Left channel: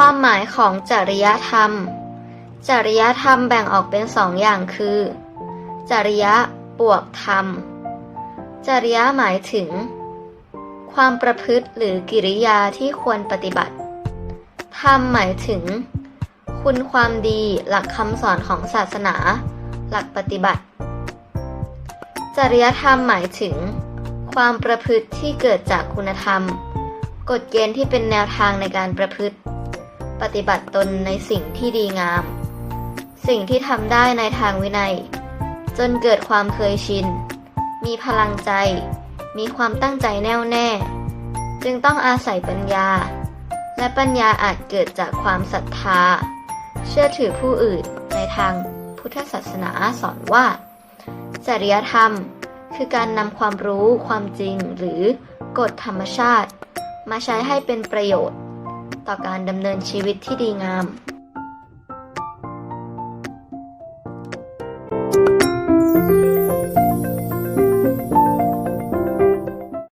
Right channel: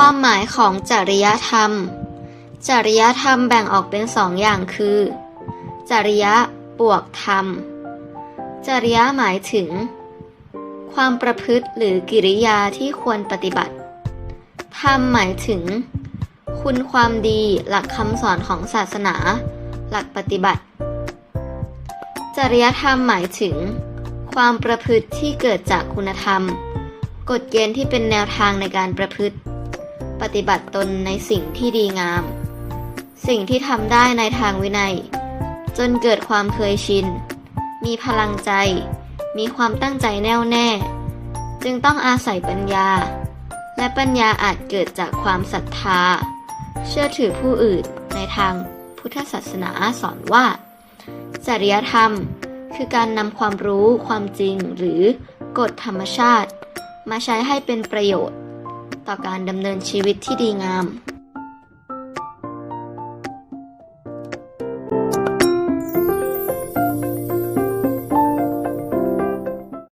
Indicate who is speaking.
Speaker 1: ความหมายของจริยธรรม จริยธรรมแบ่งออกเป็นสองอย่างคือ จริยะบวกธรรม จริยะหมายถึง ความประพฤติหรือกิริยาที่ควรปฏิบัติ ธรรมหมายถึง คุณความดีหลักคำสอนของศาสนา หลักปฏิบัติ จริยธรรมหมายถึง ความประพฤติที่เกิดจากคุณธรรมกฎเกณฑ์ที่เป็นแนวทางในการประพฤติ ปฏิบัติตนในสิ่งที่ดีงาม สิ่งที่ทำได้ในทางวินัย จนเกิดความเคยชิน มีพลังใจ มีความตั้งใจแน่วแน่ จึงต้องอาศัยปัญญา และปัญญาอาจเกิดจากความศรัทธา เชื่อถือผู้อื่นในทางพุทธศาสนาสอนว่า จริยธรรมคือการนำความรู้ความจริงหรือกฎธรรมชาติ มาใช้ให้เป็นประโยชน์ ต่อการดำเนินชีวิตที่ดีงาม